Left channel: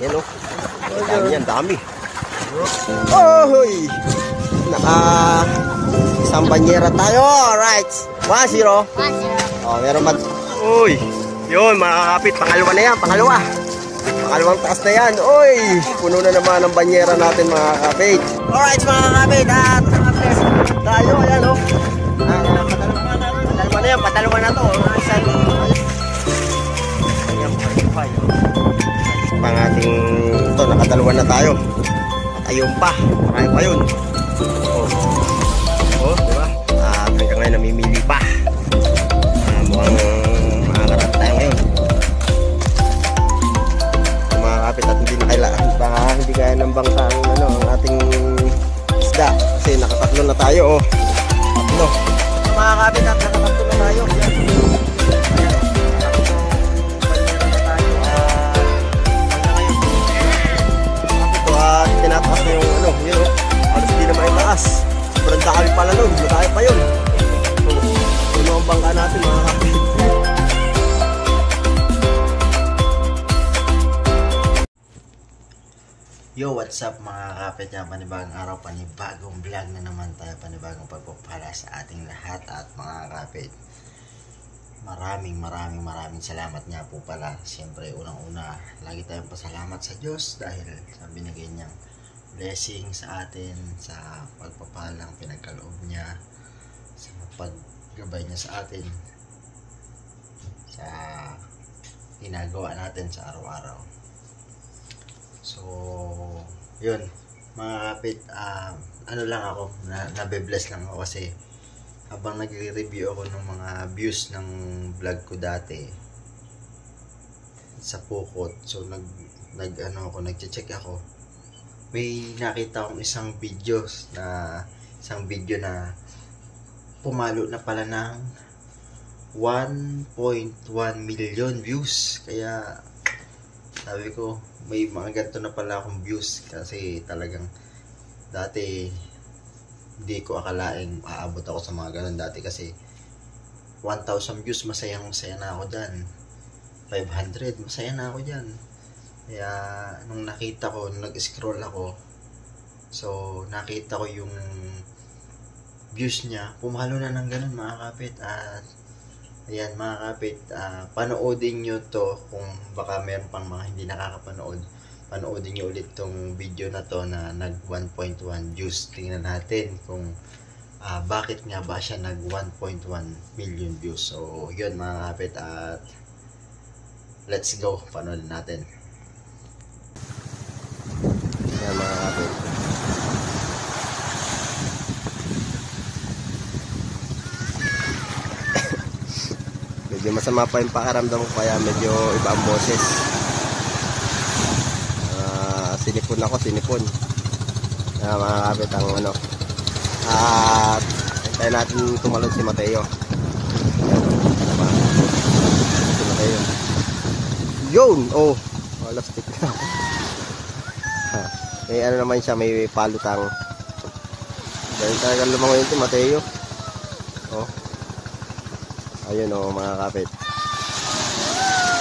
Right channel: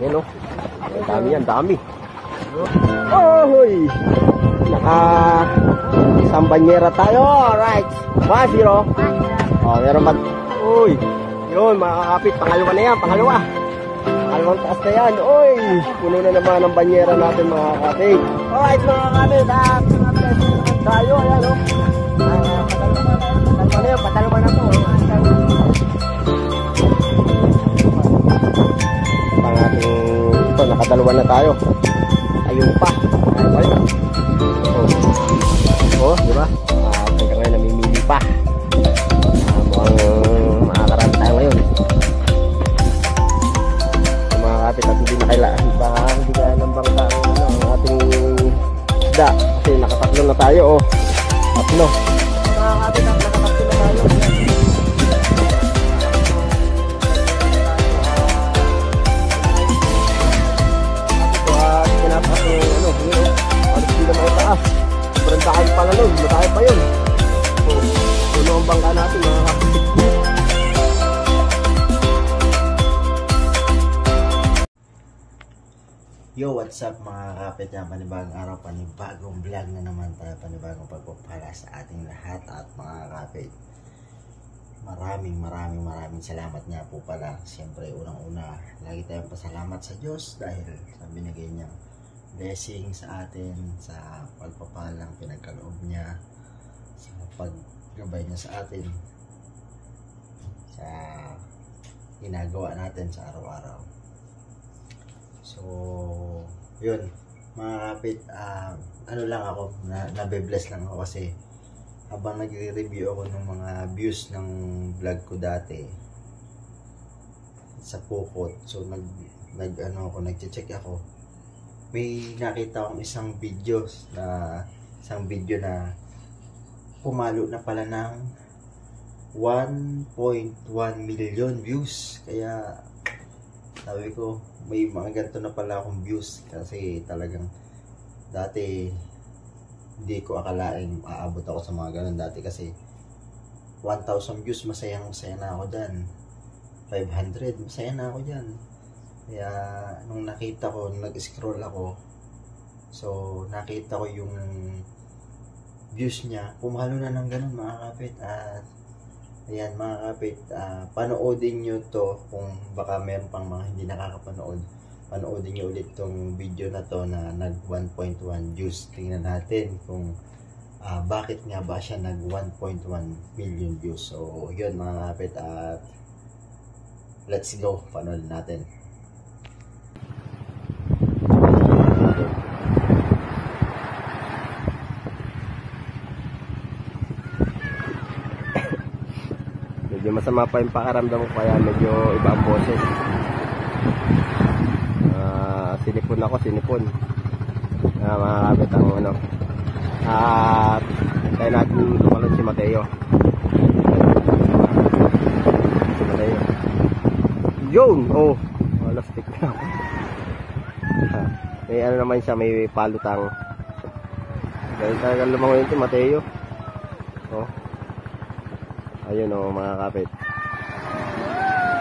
Yan o. Dami yan, dami. Ohoy! Isang banyera tayo. Alright. 1-0. Oh, meron ba? Uy. Yun, makakapit. Pangalawa na yan. Pangalawang taas na yan. Uy. Puno na naman ang banyera natin mga kakapit. Alright mga kakapit. At nakapit tayo. Ayan o. Padalawa na yan. Padalawa na to. Isang pang ating ito, nakadalawa na tayo. Ayun pa, marami pa yun. Di ba? At hanggang ngayon namimili pa. Mukhang makakarami tayo ngayon. Mga kapit at hindi na kailangan, baka hindi kaya ng bangka ang ating isda kasi nakatatlo na tayo. Tatlo. Mga kapit at nakatatlo na tayo. Tinataas yung yun halos di na may taas. Sobrang dami pala nun, matay pa yun. Puno ang bangka natin mga kapit. Yo, what's up mga kapit? Yan, panibagong araw, panibagong vlog na naman tayo, panibagong pagpapala sa ating lahat at mga kapit. Maraming salamat nga po pala. Siyempre, unang-una, lagi tayong pasalamat sa Diyos dahil sa binigay niyang blessing sa atin, sa pagpapalang pinagkaloob niya, sa paggabay niya sa atin, sa ginagawa natin sa araw-araw. So, yun, mga kapit, ano lang ako, nabe-bless lang ako kasi habang nagre-review ako ng mga views ng vlog ko dati sa Pukot, so nagche-check ako, may nakita akong isang video na pumalo na pala ng 1.1 million views. Kaya sabi ko, may mga ganito na pala akong views kasi talagang dati hindi ko akalaing aabot ako sa mga ganun dati kasi 1,000 views masaya na ako dyan, 500 masaya na ako dyan. Kaya nung nakita ko, nung nag-scroll ako, so nakita ko yung views niya, pumalo na ng ganun mga kapit. At ayan mga kapit, panoodin nyo to kung baka meron pang mga hindi nakakapanood. Panoodin nyo ulit tong video na to na nag 1.1 views. Tingnan natin kung bakit nga ba siya nag 1.1 million views. So yun mga kapit, at let's go, panoodin natin. Medyo masama pa yung pakaramdam ko kaya medyo iba ang boses. Sinipon. Mga kapit ang ano. At hintayin natin tumalon si Mateo. Si Mateo. Yun! Oh! Lastik na. May ano naman siya, may palutang. Dahil talagang lumangoy yun si Mateo. Oh. Ayun o mga kapit.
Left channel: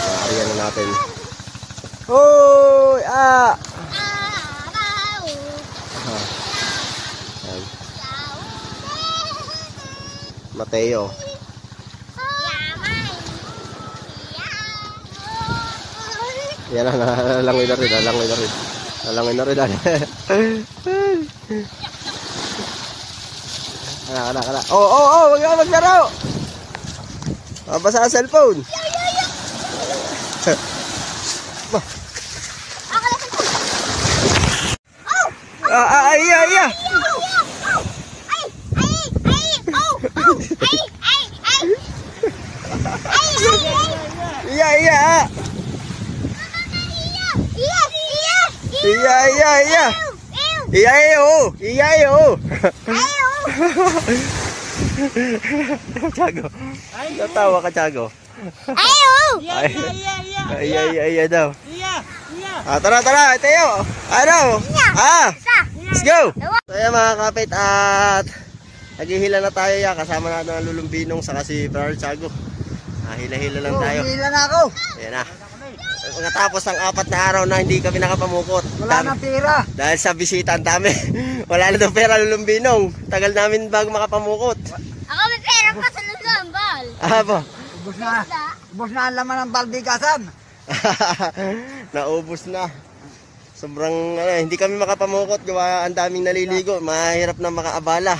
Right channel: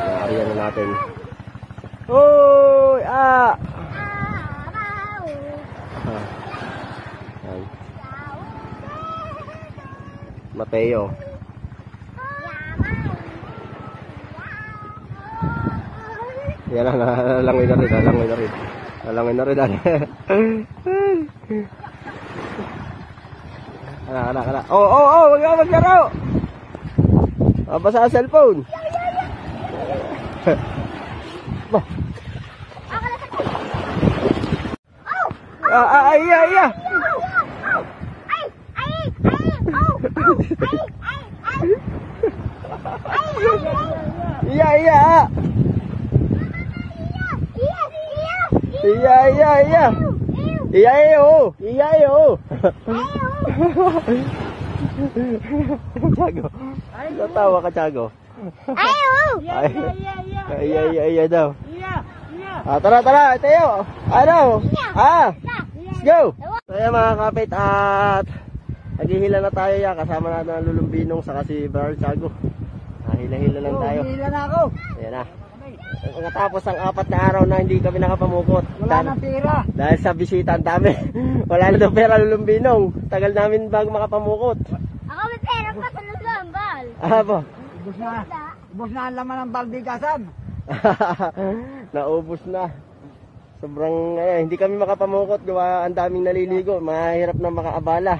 Maariyan na natin. Hoy! Mateo. Yan na, nalangoy na rin. Kana. Oh, wag ka maglaro. Mabasa ang cellphone. Iya. Iya. Tiago. Natawa ka, Tiago. Iya daw. Tara, Teo. Ano? Let's go. So yan mga kapit, at naghihila na tayo yan. Kasama natin ang Lulumbinong saka si Brother Tiago. Hila-hila lang tayo. Hila na ako. Ayan na. Matapos ang 4 na araw na hindi kami nakapamukot. Wala nang pera. Dahil sa bisita ang dami. Wala na daw pera lulumbinong. Tagal namin bago makapamukot. Ako may pera pa sa lulambal. Po. Ubus na ang laman ng balbikasan. Naubos na. Sobrang hindi kami makapamukot. Gawa ang daming naliligo. Mahirap na makaabala.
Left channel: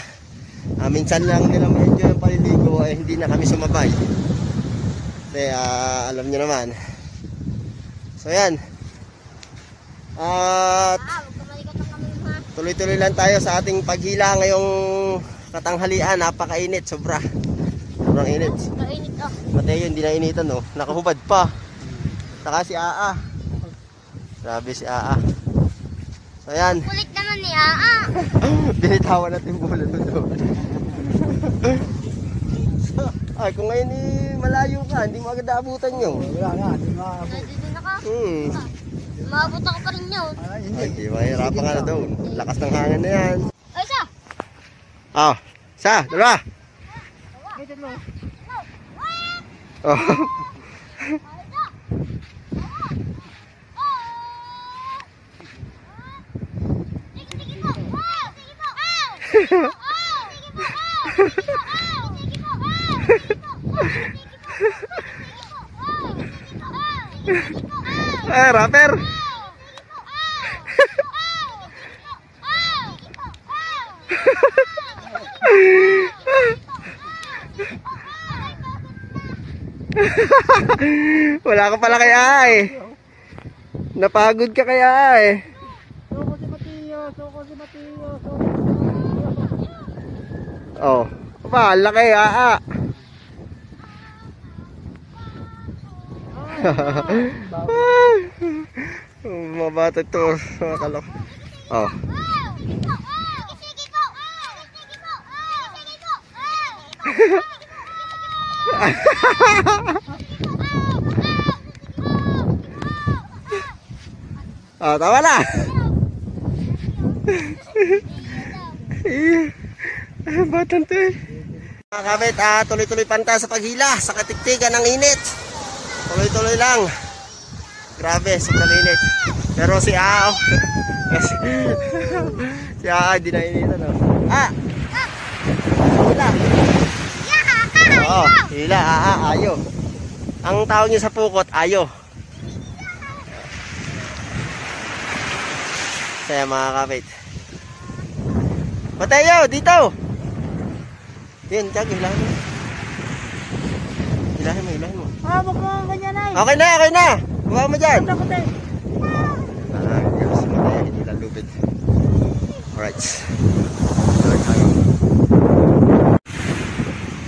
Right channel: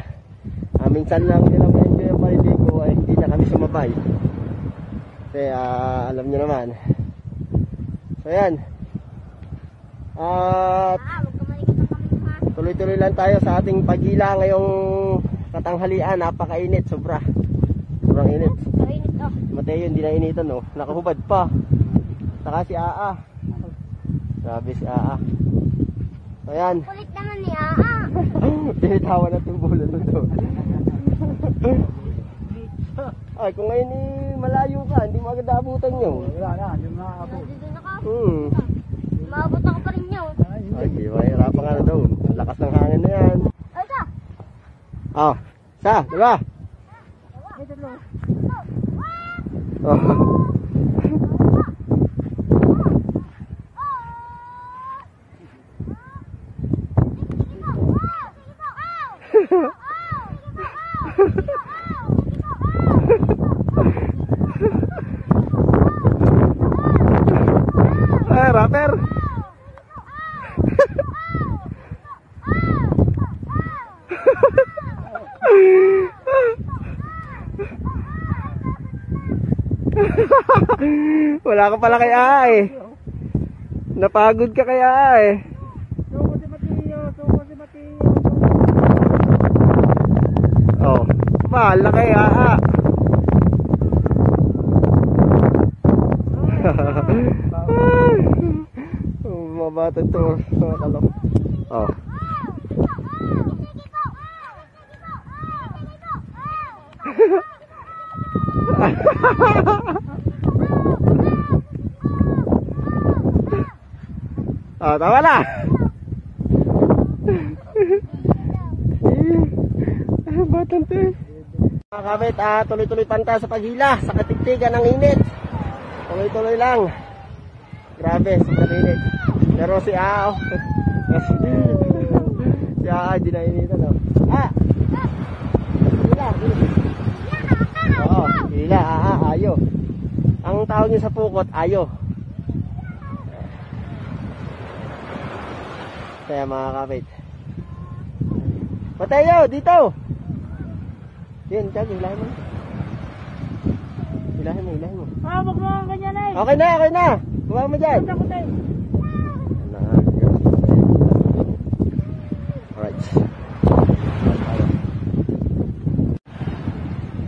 Minsan lang nila ma-enjoy ang paliligo. Hindi na kami sumabay. Kasi alam nyo naman. So yan. At tuloy-tuloy lang tayo sa ating paghila ngayong katanghalian. Napakainit, sobra. Sobrang init. Kainit oh. Mateo hindi na initan oh. Nakahubad pa. Saka si Aa. Grabe si Aa. So yan. Kulit naman ni Aa. Binitawan natin bulan mo doon. Ay, kung ngayon malayo ka, hindi mo agad naabutan yun. Wala na. Nandito na ka. Maabot ako pa rin yun. Ay, di ba? Hirapan ka na doon. Lakas ng hangin na yan. Ay, isa. Isa, dalawa. Oh. Rapper. Wala ka pala kaya eh. Napagod ka kaya eh. Suko si Mateo. Oh, bahala kaya Mabatag to mga kalok. Oh. Tama na. Batan to eh. Mga kabit, tuloy-tuloy panta sa paghila, sa katiktigan ng init. Tuloy-tuloy lang. Grabe, sobrang init. Pero si Ao, si Ao, hindi na initan. Hila. Hila, ayo. Ang tawag niyo sa pukot, ayo. Kaya mga kabit. Mateo, dito! Yan, tiyag, hilahin mo. Hilahin mo. Hawak mo ang ganyan ay. Okay na. Buka mo dyan. Yes, Mateo, hindi lang lupit. Alright.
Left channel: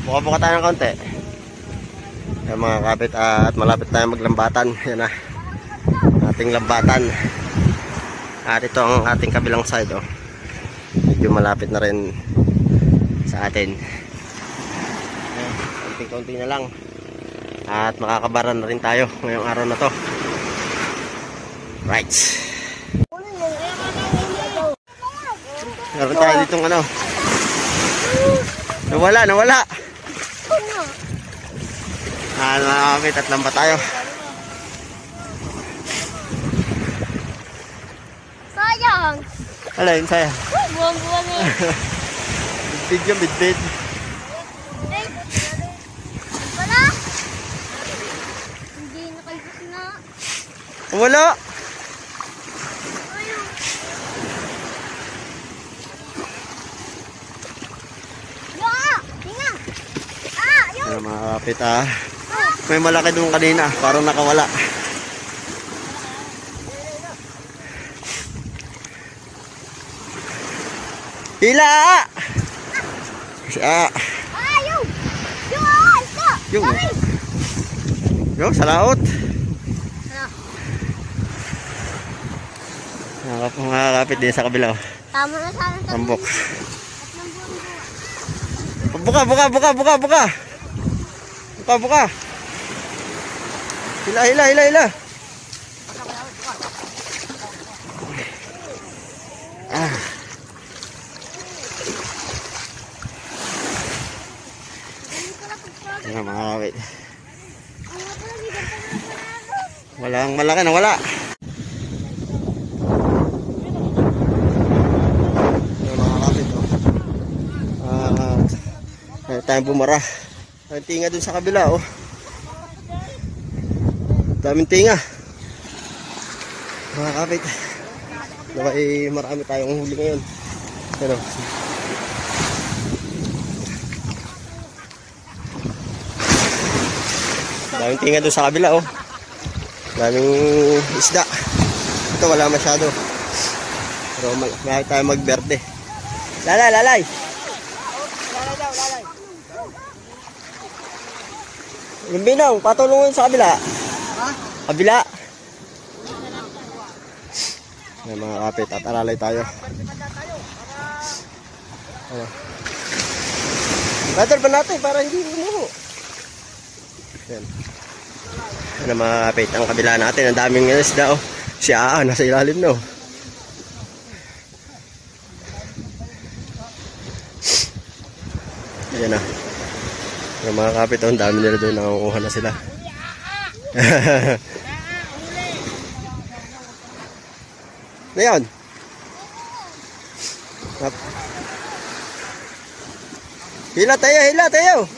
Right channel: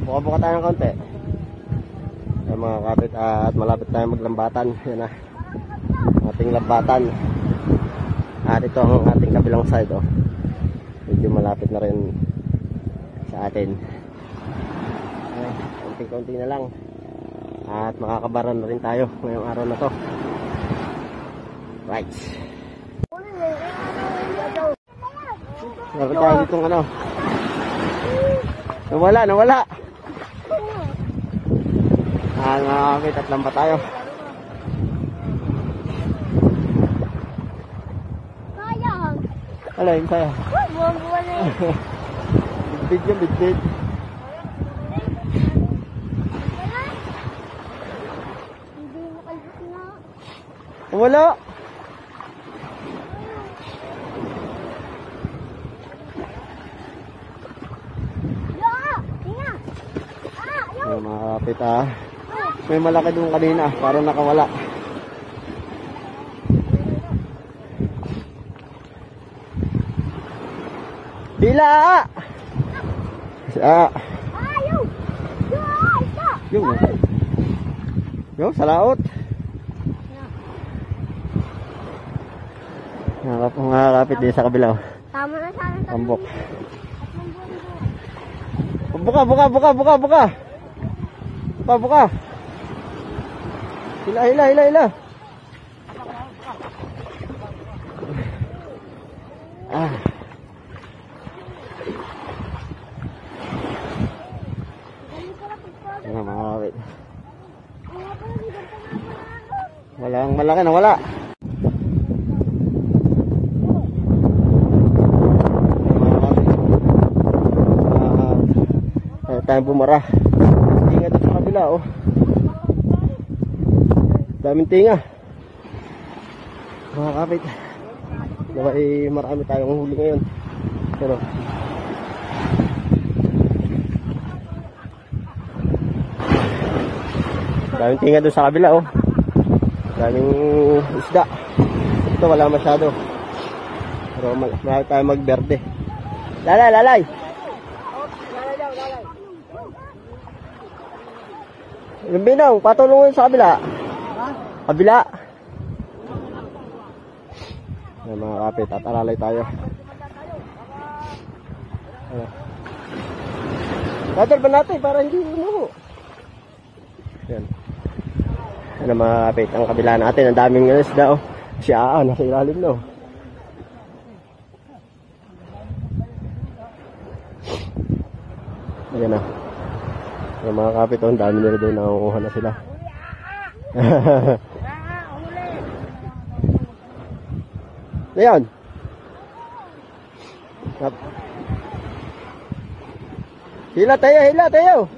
Buka tayo ng konti. Yan mga kabit, at malapit tayo maglambatan. Yan na. Ating lambatan. At ito ang ating kabilang side oh. Medyo malapit na rin sa atin. Konting-konti na lang. At makakabara na rin tayo ngayong araw na to. Right. Meron tayo ditong ano. Nawala. Nakakapit at lamba tayo. Sayang. Alay, sayang. Buwang-buwang eh. Bidbid yung bidbid. Wala. Hindi nakalbos na. Wala. Ayan mga kapit may malaki doon kanina, parang nakawala. Hila! Yung salaot. Mga kapit din sa kabila. Tama na sana sa Tambok. buwan. Buka. Hila. Ayan mga kapit. Walang malaki na wala. Mga kapit. Kaya tayong bumara. May tinga dun sa kabila, oh. Daming tinga. Mga kapit. Diba, marami tayong huli ngayon. Pero, daming tinga dun sa kabila, oh. Daming isda. Ito wala masyado. Pero malaki tayo magberde. Lalay. Yung binong, patulungin sa kabila. Kabila. Ayan mga kapit, tataralay tayo. Ayan. Badal ba natin para hindi umuho? Ayan. Ayan mga kapit, ang kabila natin, ang daming isda, oh. Si Aa, nasa ilalim na, oh. Ayan na. Yung mga kapit, oh, ang dami nila doon, nakukuha na sila. Na yan. Hila tayo.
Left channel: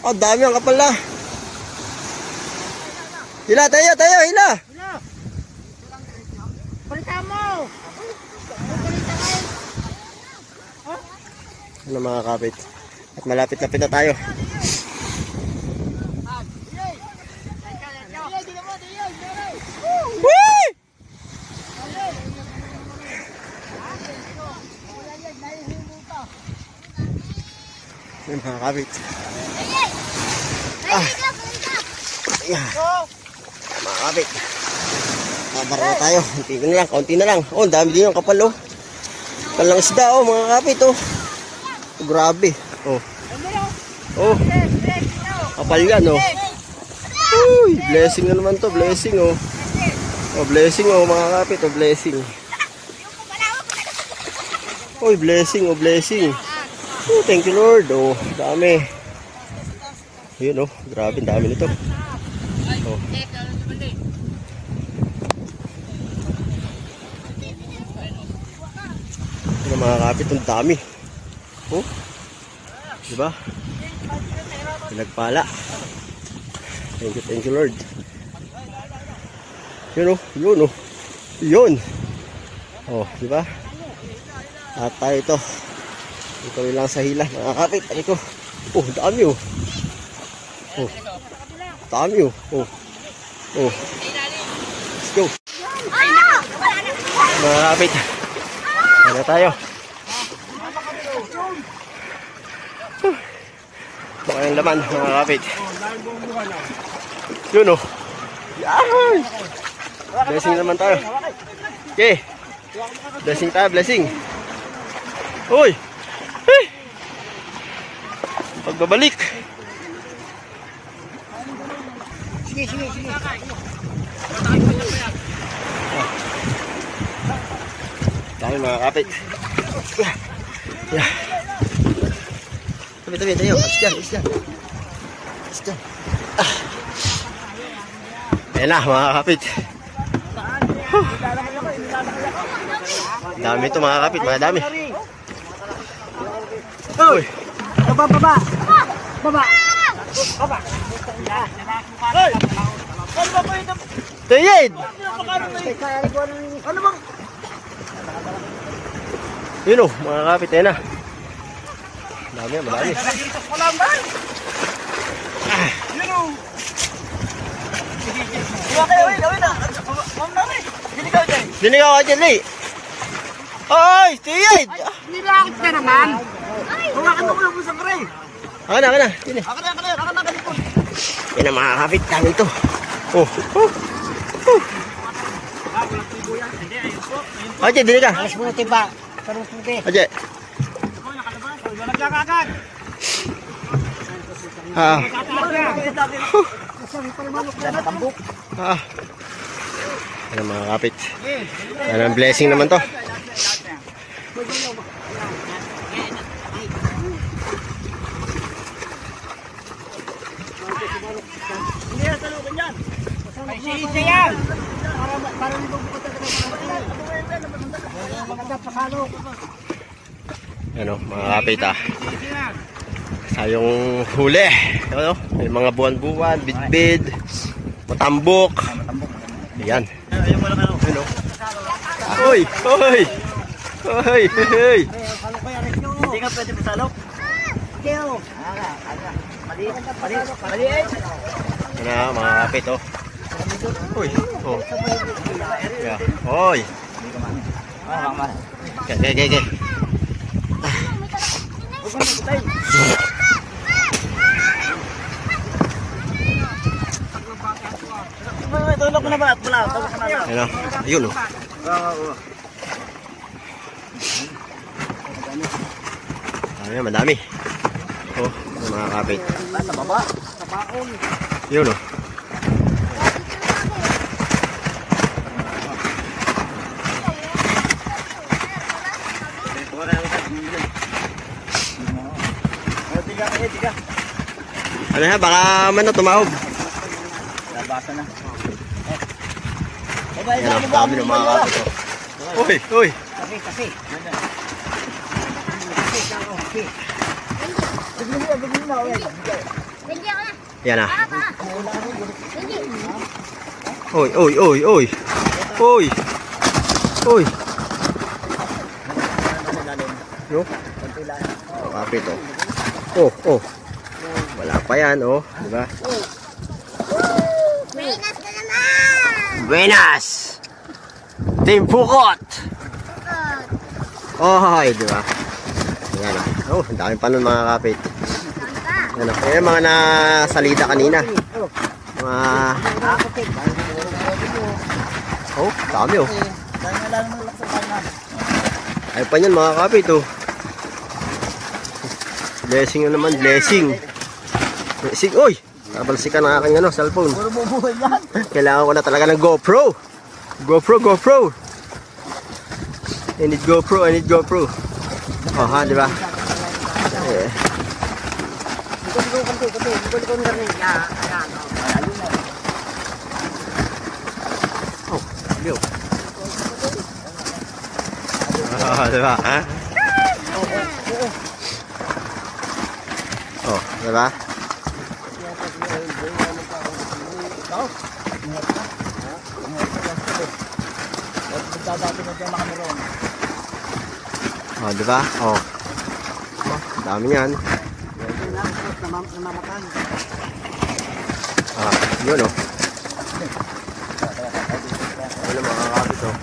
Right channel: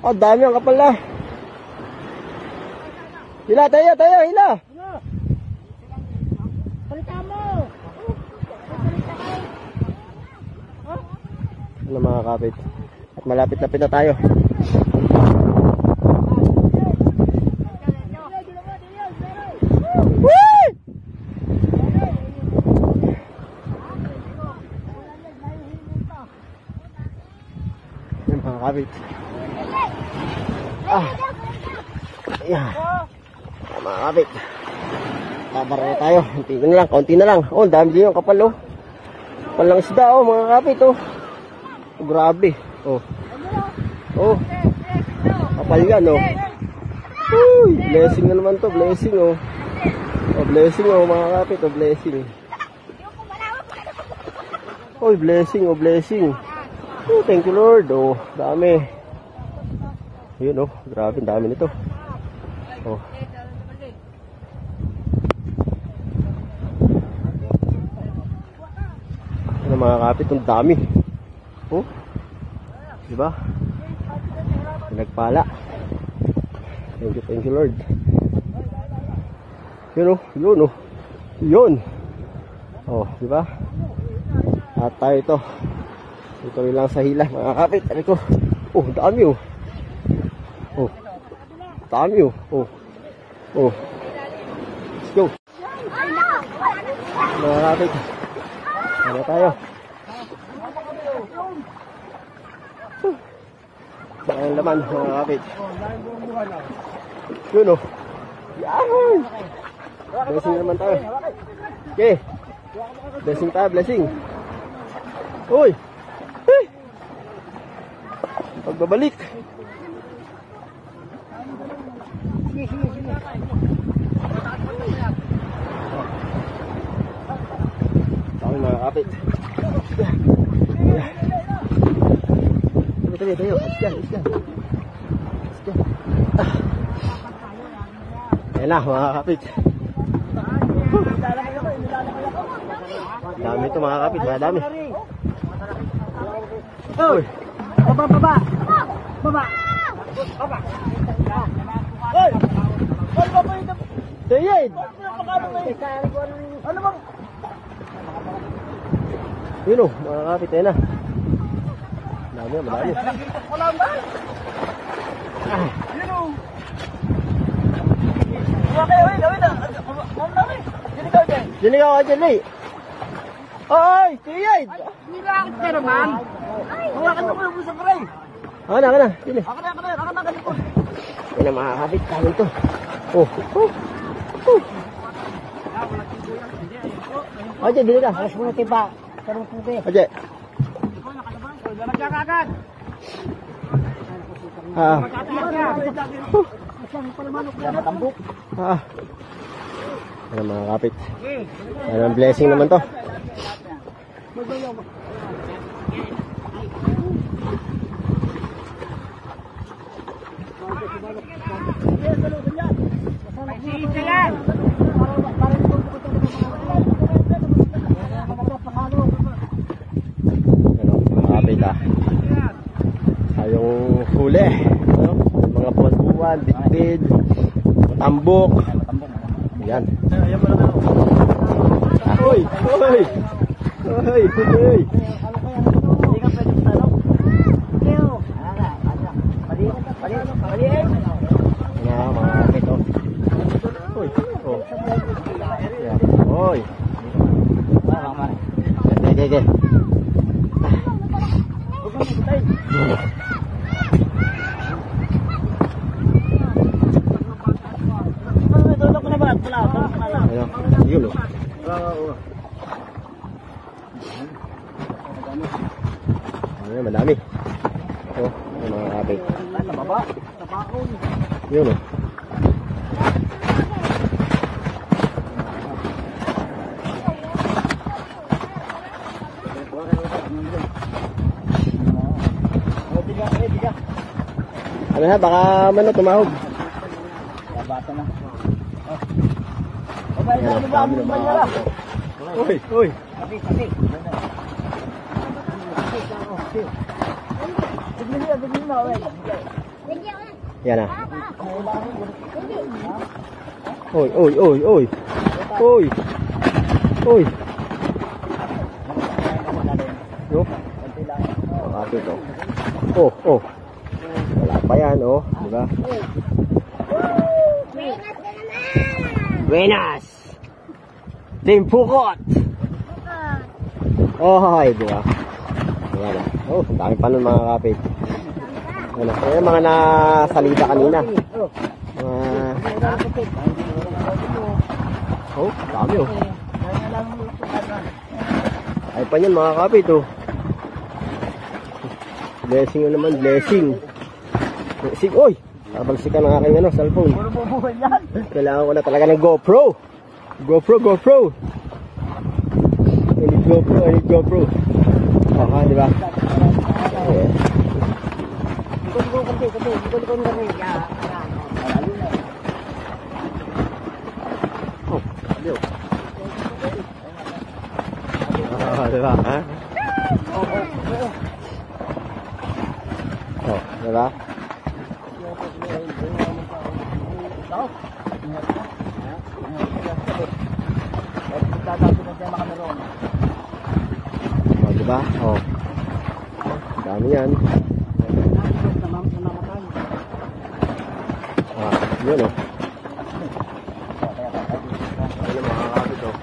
Oh, dami ang kapal na. Hila tayo. Balikan mo! Ano mga kapit? At malapit-lapit na tayo. Whee! Yan mga kapit. Ayan. Mga kapit. Babara na tayo. Kaunti na lang. Oh, dami din yung kapal, oh. Kapal lang isda, oh, mga kapit, oh. Oh, grabe. Oh. Kapal yan, oh. Uy, blessing na naman to, blessing, oh. Oh, blessing, oh, mga kapit, oh, blessing. Oh, blessing. Oh, thank you, Lord. Oh, dami. Yun, oh, grabe, dami nito. Oh. Ano mga kapit, ang dami. Oh. Diba? Pinagpala. Thank you, Lord. Yun, oh. Yun. Oh, diba? At tayo ito. Ito lang sa hila, mga kapit. Ano ko? Oh, dami, oh. Oh. Dami, oh. Oh. Let's go. Mga kapit. Ano tayo? Baka yung laman, mga kapit. Yun, oh. Yahay! Blessing naman tayo. Okay. Blessing. Uy! Hey! Pagbabalik. Sige. Tayo mga kapit. Tabi tayo. Is dyan. Ayan na mga kapit. Dami ito mga kapit. Mga dami. Uy. Baba. Tayid! Ano bang? Yun o, mga kapit. Ayan na. Madami. Dinigaw ka dyan, Lee. Ay, tiyid! Nilakit ka naman. Hawakan mo ko yung sa pre. Ako na. Yun eh. Ako na ganito. Yan ang mga kapit. Dami to. Oh. Ajay, dili ka. Alas mo na tiba. Karong puti. Ajay. Nagkakagad. Yan ang mga kapit. Yan ang blessing naman to. Isa yan. Parang itong bukod talaga maganda sa kalo. Ano, mga kapit sayong huli. Ano, may mga buwan-buwan, bit-bid, matambok. Ayan. Ano? Hoy! Hoy! Hoy! Hoy! Hindi ka pwede masalok. Leo. Maliit. Ano, mga kapit, oh. Hoy! Oh. Yeah. Hoy! Okay. Tulog na ba? Wala. Ano? Ayun, oh. Ayan, madami. Oh, mga kapit. Sa baba. Sa baon. Yun, oh. Tiga. Ano ha, baka man na tumahog. Labasa na. Yan ang dami ng mga kapit. Uy, uy. Kapi. Bigyan mo. Bigyan ko na. Yan ah. Bigyan. Uy. Uy. Yo. Mga kapit, oh. Oh. Wala pa yan, oh. Diba? Buenas na naman. Buenas! Team Pukot! Oh, diba? Ayan, oh. Ang dami pa nun mga kapit. Ayan, oh. Ayan, mga nasalida kanina. Mga... Oh, dami, oh. Ay pa yan mga kapit, oh. Blessing na naman, blessing. Blessing, oy! Nabalsikan ang aking cellphone. Kailangan ko na talaga ng GoPro. GoPro. I need GoPro. Oh, ha, di ba? Eh. Oh, sabi, oh. Oh, di ba? Ha? Oh, di ba? Oh, di ba? Oh. Dami yan. Ah, yun, oh. Ano mga kapit, oh.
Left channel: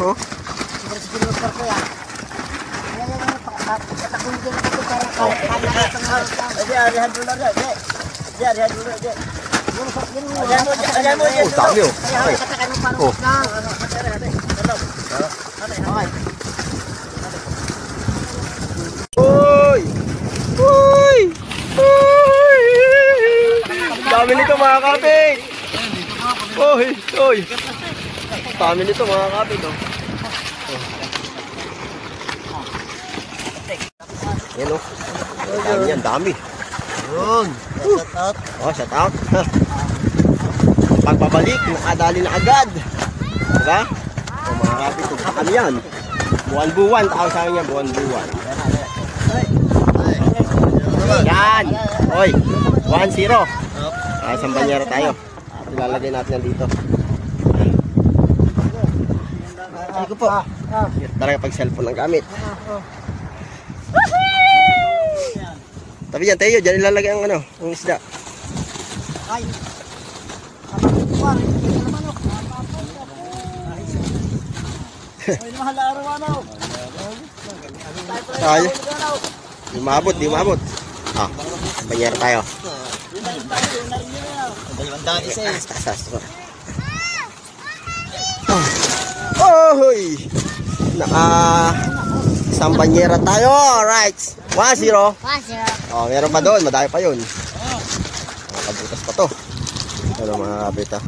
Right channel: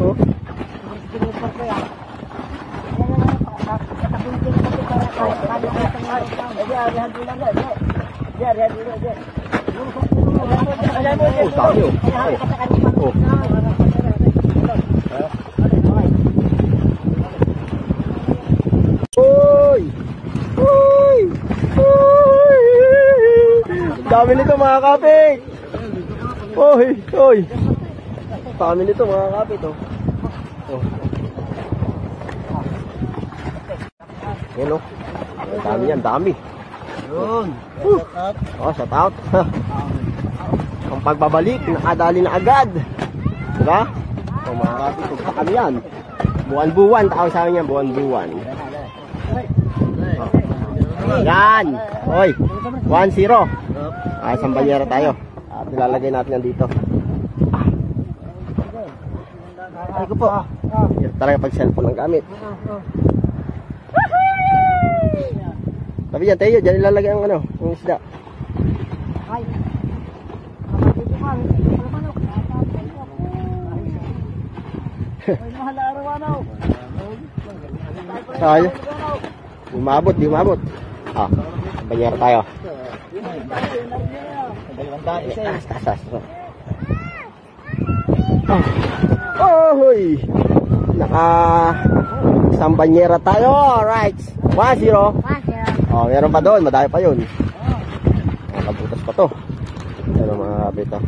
Oh. Oh, dami, oh. Ay. Oh. Uy! Dami nito mga kapit. Uy! Dami nito mga kapit, oh. Yan, oh. Dami yan, dami. Oh, shout out. Ang pagbabalik, nakadali na agad. Diba? Oh, mga kapit, ito kami yan. Buwan-buwan, tawag sa akin yan, buwan-buwan. Yan! Oy! 1-0. Isang banyera tayo. At ilalagay natin yan dito. Ay ko po. Ito talaga pag cellphone ang gamit. Tabi dyan tayo, dyan ilalagay ang ang isda. Ay. Ay, mahal na araw-araw. Ay. Di maabot. Ah, banyera tayo. Tas. Oh, isang banyera tayo. Alright. 1-0. Oh, meron pa doon. Madami pa yun. Nakabutas pa to. Ano mga kapita.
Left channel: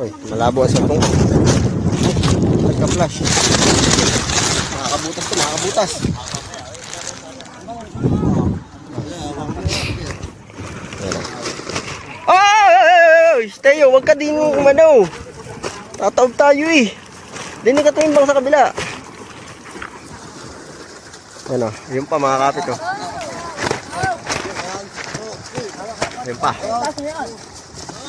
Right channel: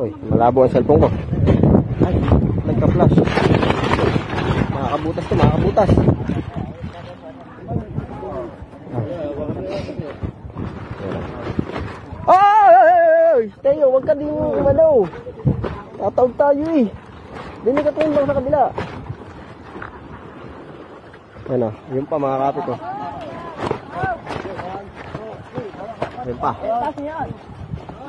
Uy, malabo ang cellphone ko. Ay, nagka-flash. Nakakabutas. Ayan. Teo, wag ka din umano. Tataob tayo eh. Dinig ka timbang sa kabila. Ano, yun pa mga kapit oh. Yun pa.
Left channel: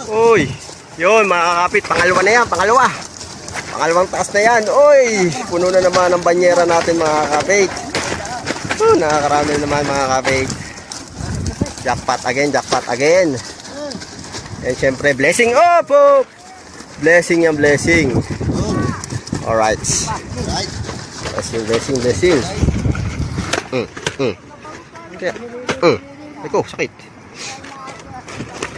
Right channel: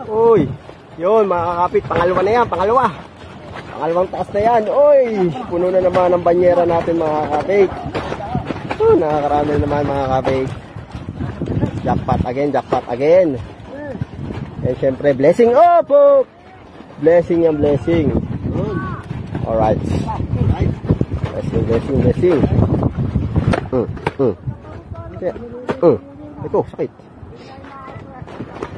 Uy, yun mga kapit, pangalawa na yan, pangalawa. Pangalawang taas na yan. Uy, puno na naman ang banyera natin mga kapit. Nakakarami naman mga kapit. Jackpot again. And syempre, blessing. Oh. Blessing yan, blessing. Alright. Blessing. Kaya, Eko, sakit.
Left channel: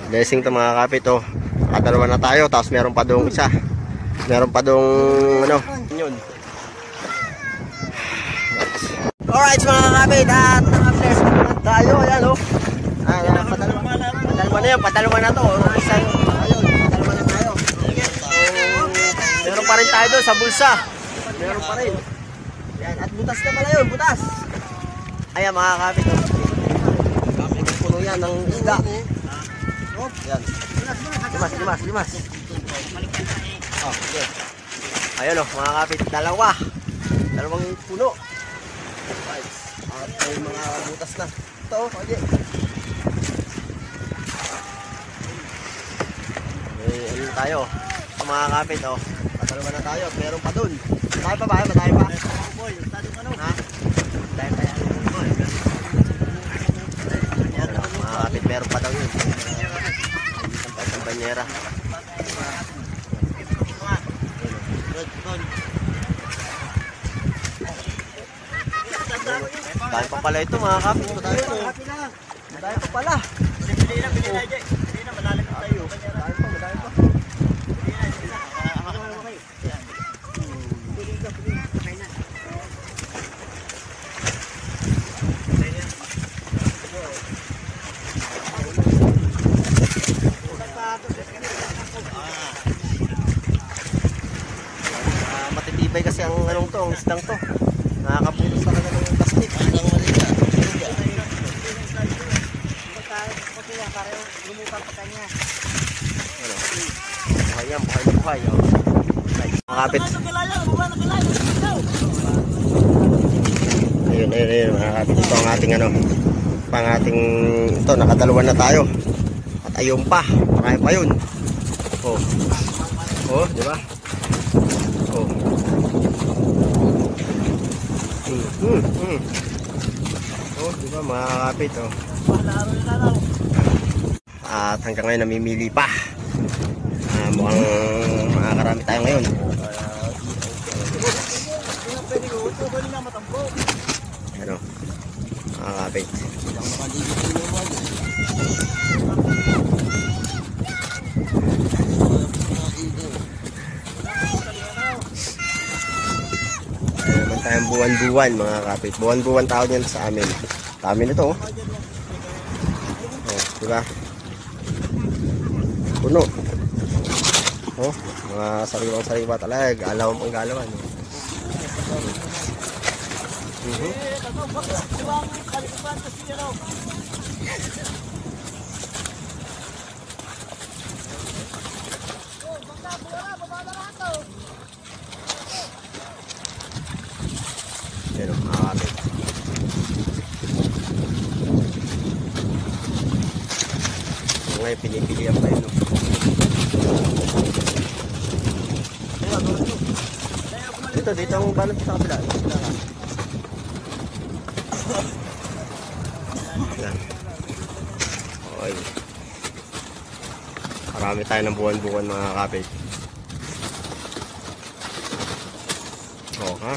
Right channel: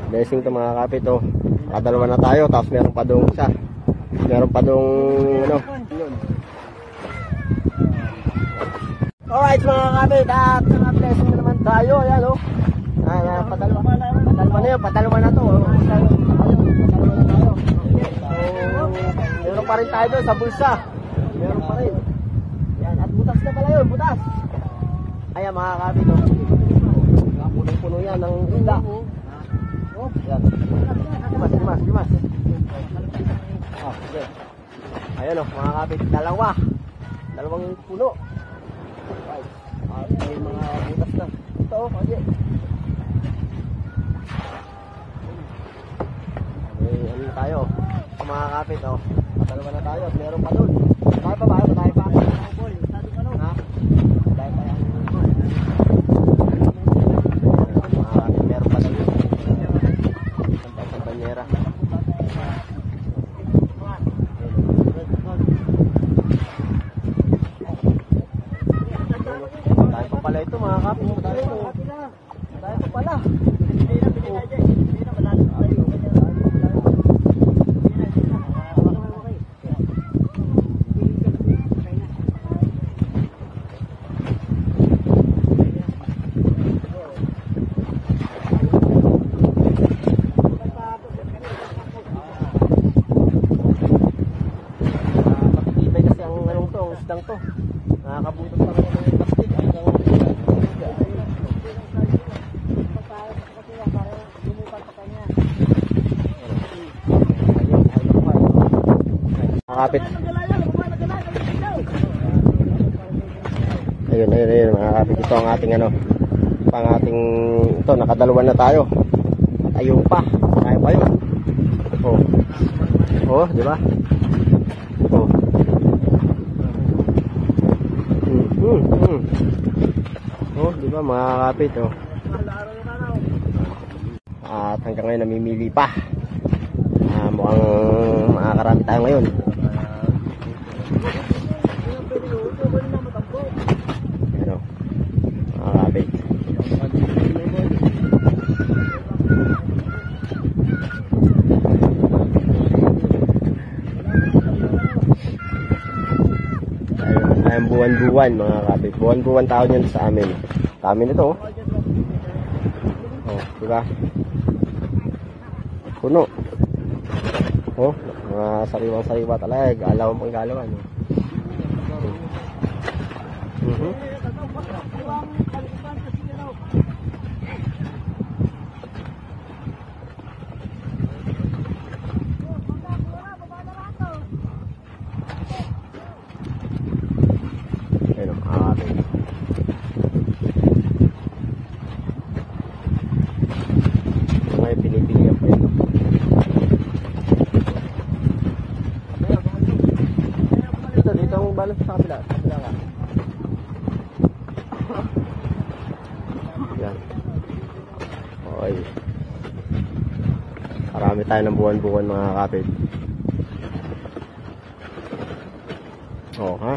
Blessing to mga kapit, oh. Nakadalawa na tayo, tapos meron pa dong isa. Meron pa dong, ano. Yun. Alright mga kapit, at naka-bless naman tayo. Ayan, oh. Ayan, padalawa na to. Isa, ayun, padalawa na tayo. Meron pa rin tayo doon sa bulsa. Meron pa rin. Yan, at butas na pala yun, butas. Ayan mga kapit. Puno yan ng isda. Yan. Limas. Oh, okay. Ayun oh, mga kapit, dalawang puno. Right. At may mga butas na. Ito oh, okay. Ano tayo? Mga kapit oh. Patalawa na tayo. Meron pa dun. Tayo pa ba? Tayo pa? Ha? Tayo pa yan. Mga kapit, meron pa daw yun. Sampai sa banyera. Tayo pa pala ito mga kapit. Tayo pa pala. Hindi na malalim tayo. Matitibay kasi ang anong to, ang isdang to. Nakakabutos sa kanya ng plastic. Makapit. Ayun makapit. Ito ang ating ano, ito, nakadalawa na tayo. At ayun pa, marami pa yun. Oh, di ba? Oh. Oh, di ba makakapit oh. At hanggang ngayon namimili pa. Mukhang makakarami tayo ngayon. Ano? Makakapit. Ayun, buwan-buwan mga kapit. Buwan-buwan tao niyan sa amin. Sa amin ito oh. Oh, di ba? Puno. Oh, mga sariwang-sariwa talaga. Galawan pang galawan. Ayan o, makakapit. Ngayon pinipilihan pa ito. Dito ang balance sa kabila. Kabila ka. Yan. Okay. Marami tayo ng buwan-buwan mga kapit. Oh, ha?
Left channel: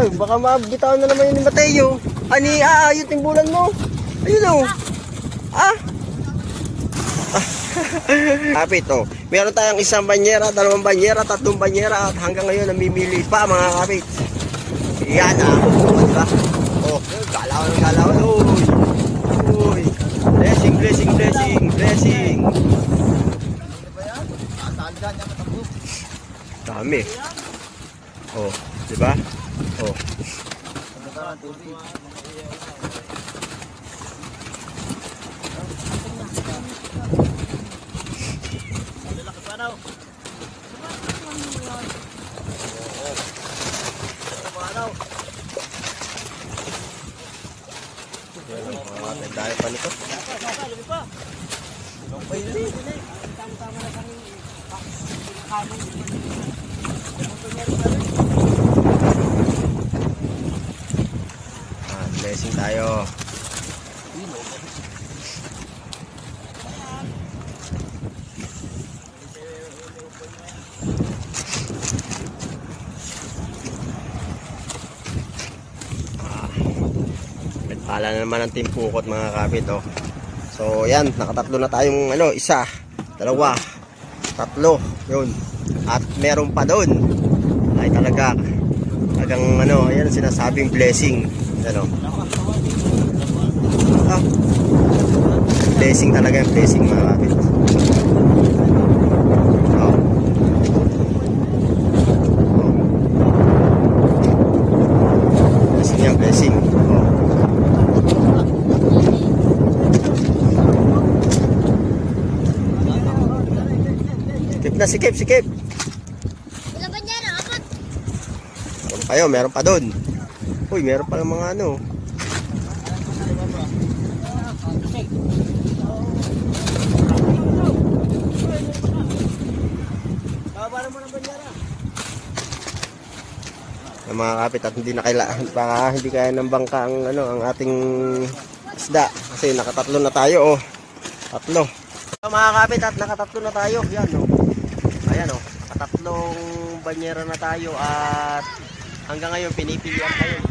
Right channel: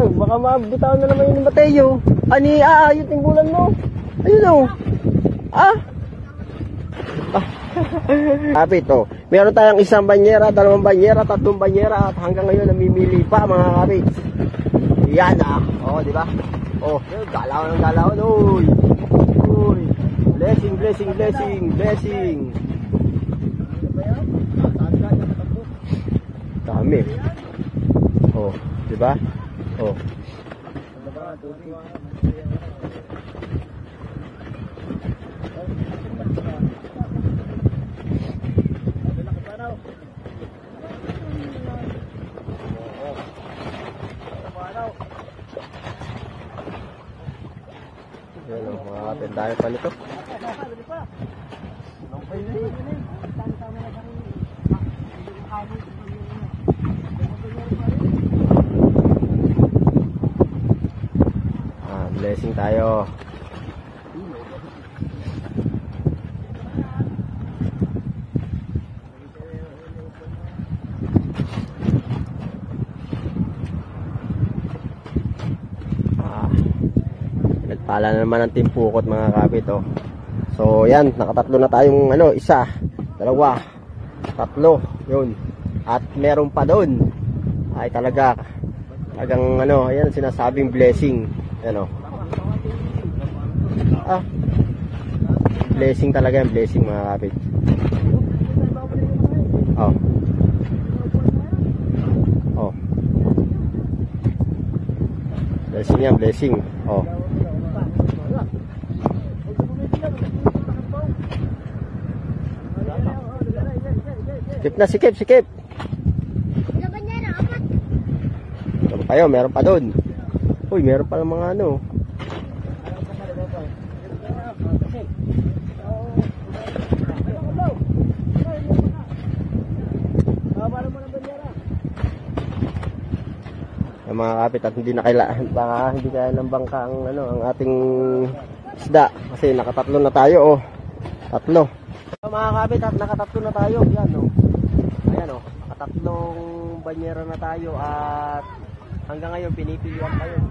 Ay, baka mabitawan na naman yun ni Mateo. Ani, yung timbulan mo. Ayun o. Kapit o. Meron tayong isang banyera, dalawang banyera, tatlong banyera. At hanggang ngayon namimili pa mga kapit. Yan o, diba? O, galawan ng galawan. Uy. Blessing. Dami. Oh, di ba? Oh. Ang dami pa nito. Blessing tayo. Nagpala na naman ang timpukot mga kapit, oh. So yan, nakatatlo na tayong ano, isa, dalawa, tatlo, yun. At meron pa doon. Ay talagang ano, ayan sinasabing blessing. Ano? Blessing talaga yung blessing mga kapit. Oh. Oh. Blessing yan, blessing. Oh. Sikip na, sikip, sikip. Laban niya na, apat. Meron pa yun, meron pa doon. Uy, meron pa ng mga ano. Yung mga kapit at hindi na kailangan, baka hindi kaya ng bangka ang, ano, ang ating isda. Kasi nakatatlo na tayo, oh. Tatlo. So, mga kapit at nakatatlo na tayo. Yan, oh. Ayan, oh. Katatlong banyera na tayo at hanggang ngayon pinipilian pa yun.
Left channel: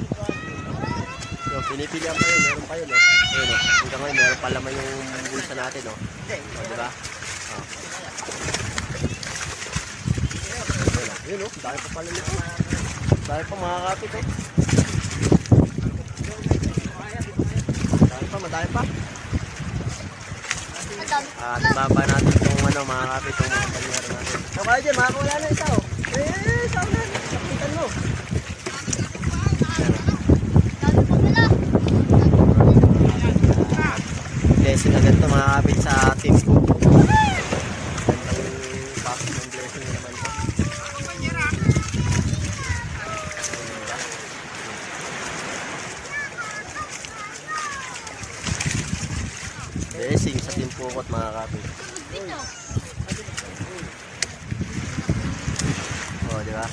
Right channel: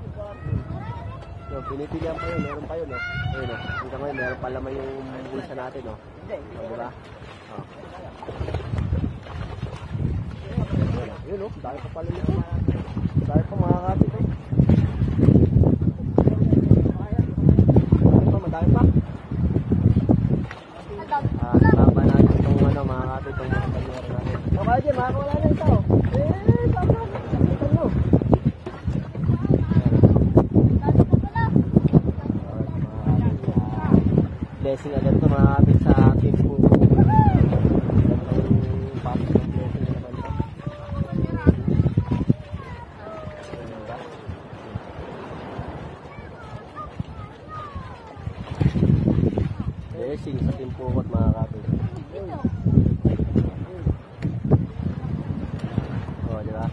So, pinipilian pa yun, meron pa yun, oh. Ayun, oh. Hanggang ngayon meron pa laman yung bulsa natin, oh. So, diba? Oh. Ayun, oh. Dahil pa pala nito. Dahil pa mga kapit, eh. Madami pa. At baba natin itong ano, mga kapit, itong mga banyera natin. Baba dyan, makakawala na isa, oh. Saan na? Sakitan mo. Blessing agad ito mga kapit sa team ko. Blessing sa team pukot mga kapit. Oh, di ba?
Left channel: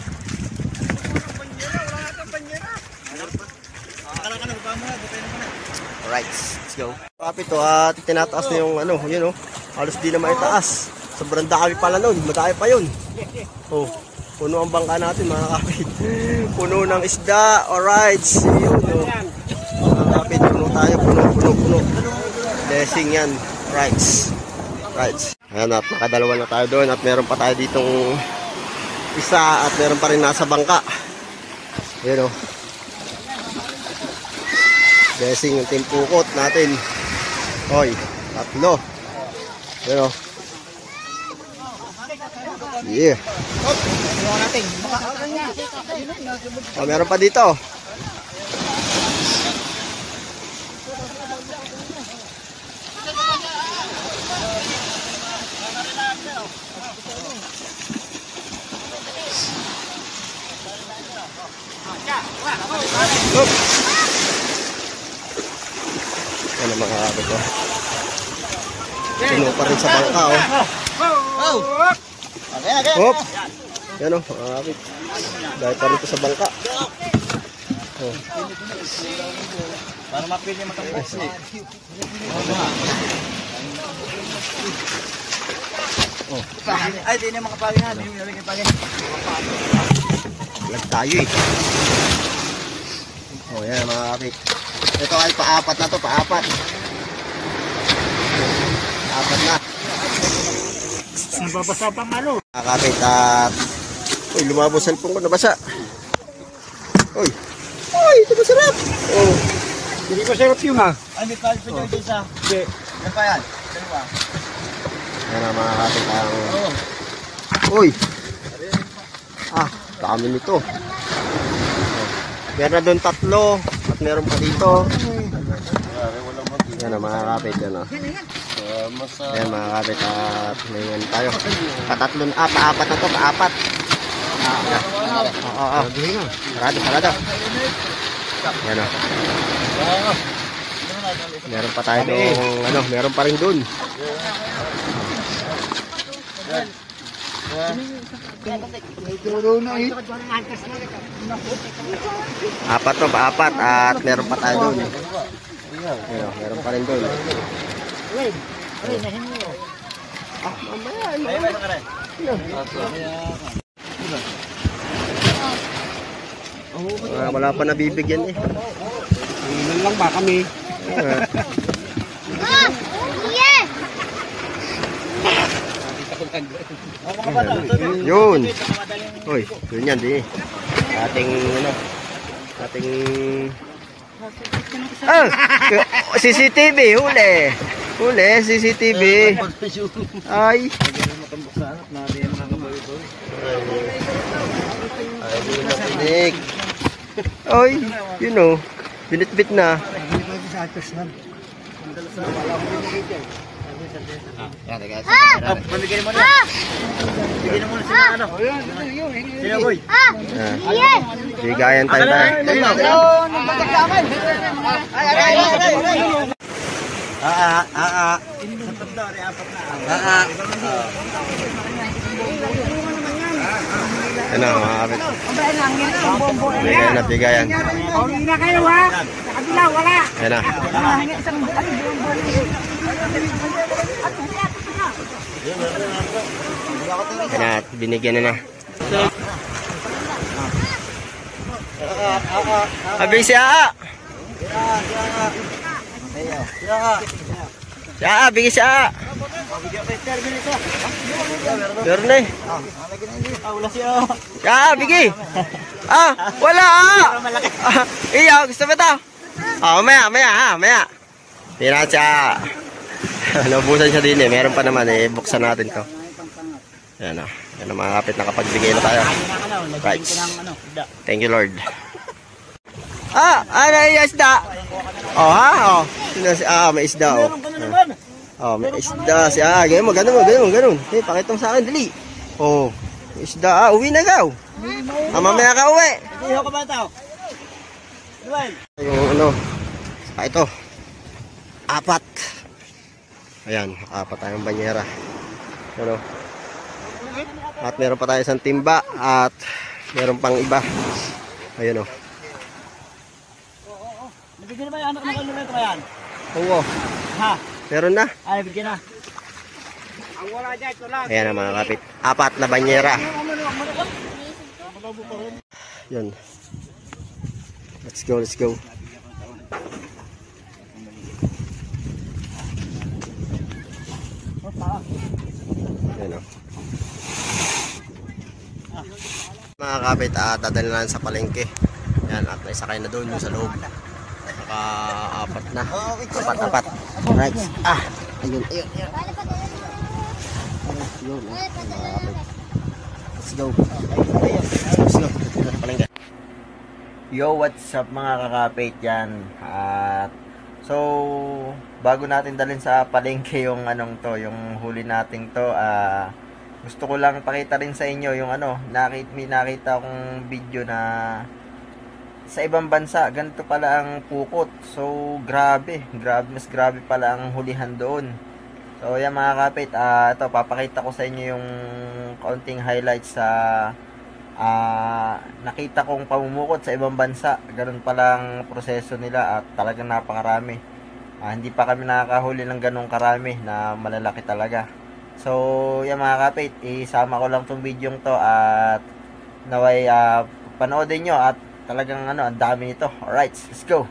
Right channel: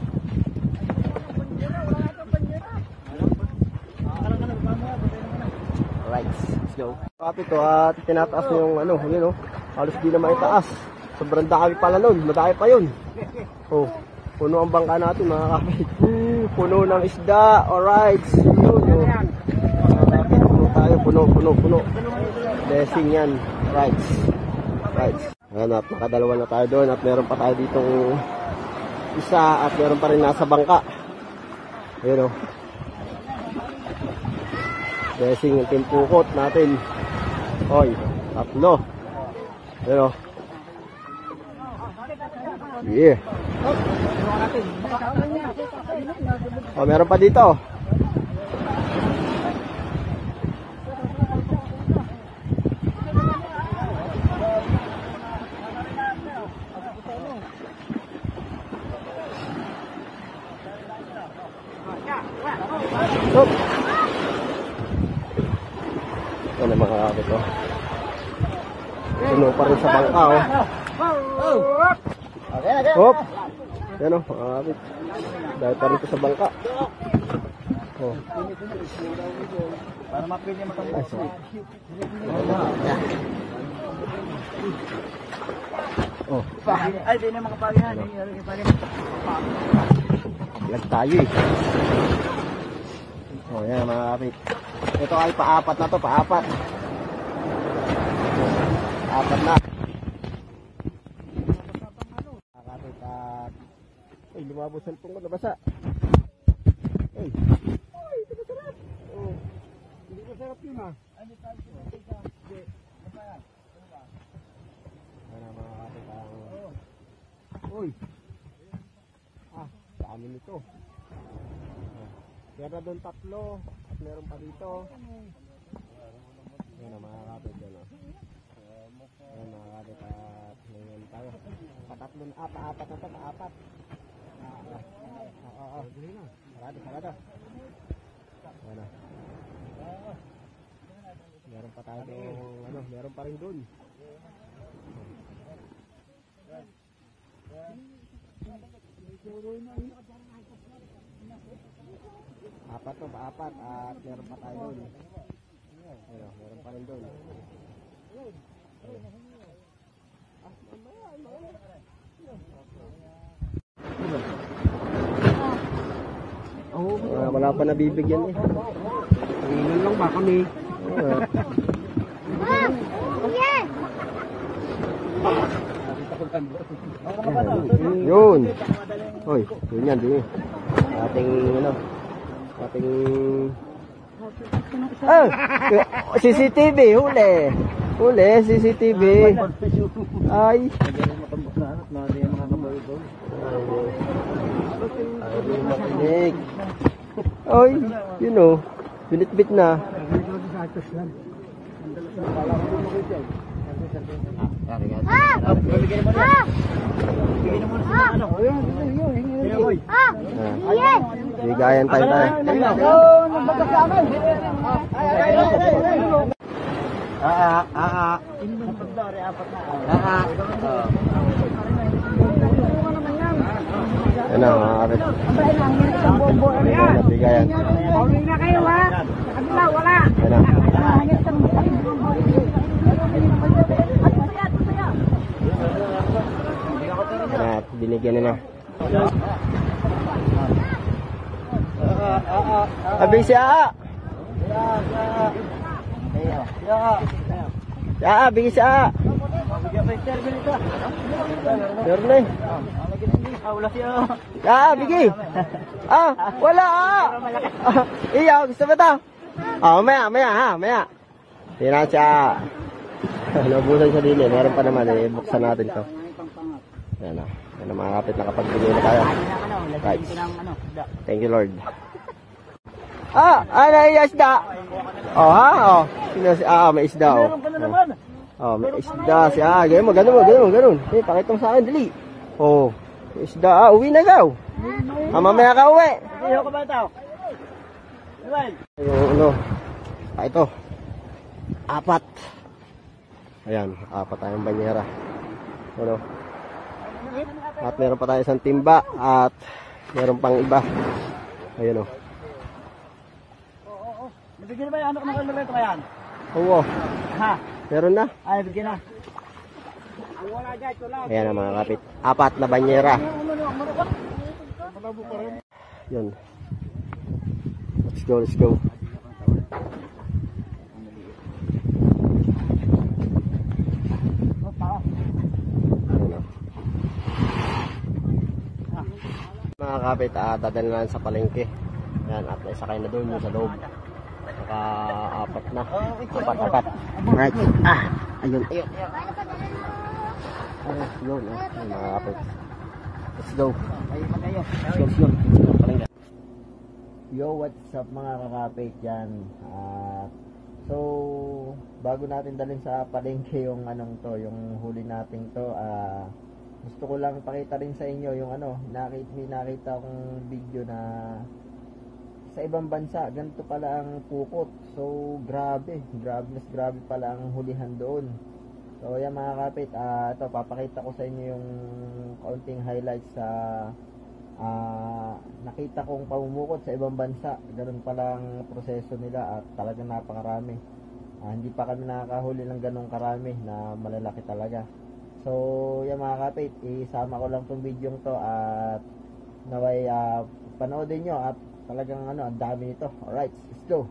Alright, let's go. Kapit to at tinataas na yung ano, yun oh. Halos di na maitaas. Sobrang dami pala nun, madami pa yun. Oh, puno ang bangka natin mga kapit. Puno ng isda, alright. Yun oh. Mga kapit, puno tayo, puno. Blessing yan, rights. Ayan at nakadalawa na tayo doon at meron pa tayo ditong isa at meron pa rin nasa bangka. Ayan o. Blessing yung timpukot natin. Hoy, tatlo. Ayan o. Yeah. Oh, meron pa dito. Hop. Yan ang mga kapit oh. Puno pa rin sa bangka oh. Hop. Yan oh mga kapit. Dahil pa rin ito sa bangka. Oh. Para mapili mo itong box eh. Oh. Ay, di na makapagin nga. Lag tayo eh. Oh, yan mga kapit. Ito ay paapat na to, paapat. Apat na. Nababasa pang ano. Mga kapit at... Uy, lumabos cellphone ko, nabasa. Uy, ito masarap. Oh. Hindi ko sarap yung ha. Ay, may palit pa dyan isa. Hindi. Yan pa yan. Yan ang mga kapit ang... Uy. Dami nito. Meron na doon 3 at meron pa dito. Yan ang mga kapit. Yan o. Yan mga kapit. At ngayon tayo. Patatlon. Paapat na to. Paapat. Oo. Sarado. Yan o. Meron pa tayo doon. Meron pa rin doon. Paapat at meron pa tayo doon. Ayun, meron pa rin doon. Wala pa nabibigyan eh. Ano lang ba kami? Yun. Hoy, yun yan di. Ating CCTV huli. CCTV. Ay. Ay, Oy, you know, binit-bit na. Bigyan mo na. Bigyan mo na sila ano. Sila boy. Bigayan tayo. Sa pagdari, 4 na. Ano, mga kapit. Bigayan. Hindi na kayo ha. Nakabilang wala. Ayan na. Ayan na, binigyan na. Abig siya! Siya, bigay siya! Meron na eh. Siya, bigay! Wala! Iya, gusto ba ito? Maya. Tingnan siya. Naubusan siya din eh. Meron pa naman eh. Buksan natin to. Yan o. Yan ang mga kapit. Nakapagbigay na tayo. Right. Thank you Lord. Ano yung isda? May isda may isda siya. Ganun. Pakita mo sa akin. Dali. May isda. Uwi na gaw. Mamaya ka uwi. Yung ito. 4. Ayan, 4 tayong banyera. Ano? At meron pa tayo isang timba at meron pang iba. Ayun o. Nabigyan ba yung anak ng kalorento ka yan? Oo. Ha? Meron na. Ay, bigyan na. Ang wala dyan, ito lang. Ayan ang mga kapit. 4 na banyera. Yun. Let's go. Ayan o. Mga kapit, dadalhin na sa palengke. Yan, at naisakay na doon yung sa loob. Naka-4 na. 4. Right. Ayun. Ayun, mga kapit. Let's go. Palengke. Yo, what's up mga kakapit yan? At so, bago natin dalhin sa palengke yung yung huli nating to, gusto ko lang pakita rin sa inyo yung may nakita akong video na sa ibang bansa, ganito pala ang pukot. So, mas grabe pala ang hulihan doon. So, yan mga kapit, ito, papakita ko sa inyo yung kaunting highlights sa nakita kong pamumukot sa ibang bansa. Ganun palang proseso nila at talagang napakarami. Hindi pa kami nakakahuli ng ganung karami na malalaki talaga. So, yan mga kapit, isama ko lang tong video to at naway panoodin nyo at talagang ang dami nito. Alright, let's go.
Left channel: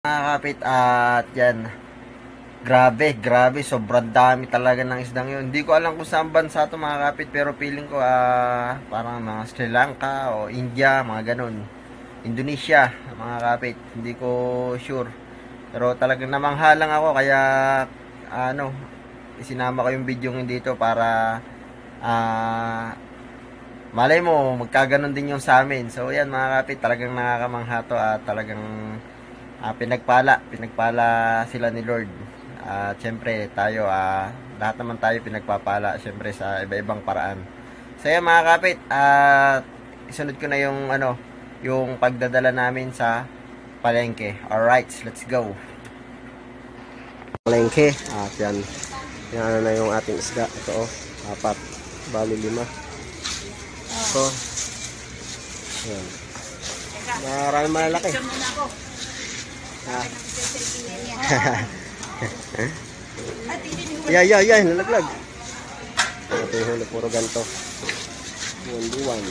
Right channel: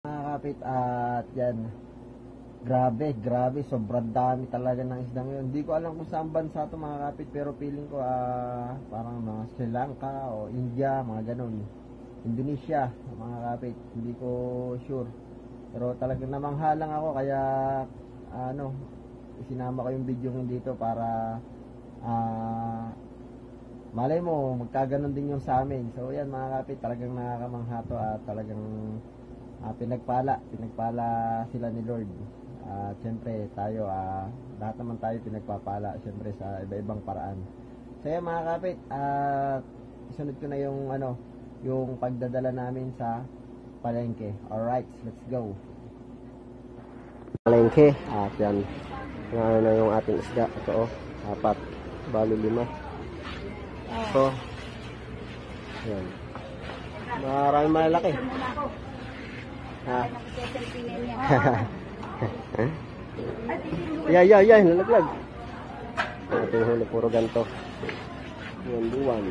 Mga kapit, at yan. Grabe, sobrang dami talaga ng isdang yun. Hindi ko alam kung saan bansa to mga kapit, pero feeling ko parang mga Sri Lanka o India, mga ganun. Indonesia, mga kapit. Hindi ko sure. Pero talagang namanghalang ako, kaya isinama ko yung video dito para malay mo, magkaganon din yung sa amin. So yan mga kapit, talagang nakakamangha to at talagang pinagpala sila ni Lord. At syempre tayo, lahat naman tayo pinagpapala syempre sa iba-ibang paraan. So yan mga kapit, at isunod ko na yung pagdadala namin sa palengke. Alright, let's go. Palengke, at yan. Yan na yung ating isda. Ito 4, bali 5. So, yan. Maraming malalaki. Yeah, nalaglag. Ito yung huli, puro ganito. Buwan.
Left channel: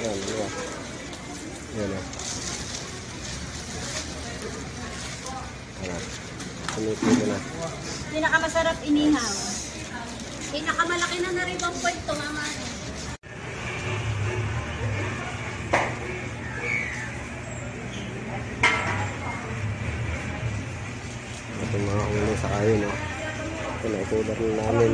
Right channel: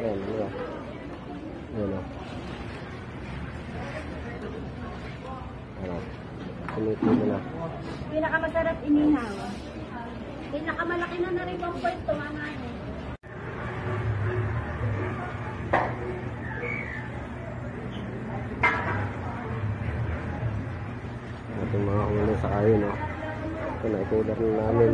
Yan, diba? Yan o. Tumitito na. Pinakamasarap inihaw. Pinakamalaki na rin ang point to, mama. Ating mga huli sa kayo, no? Ito na, ikular na namin.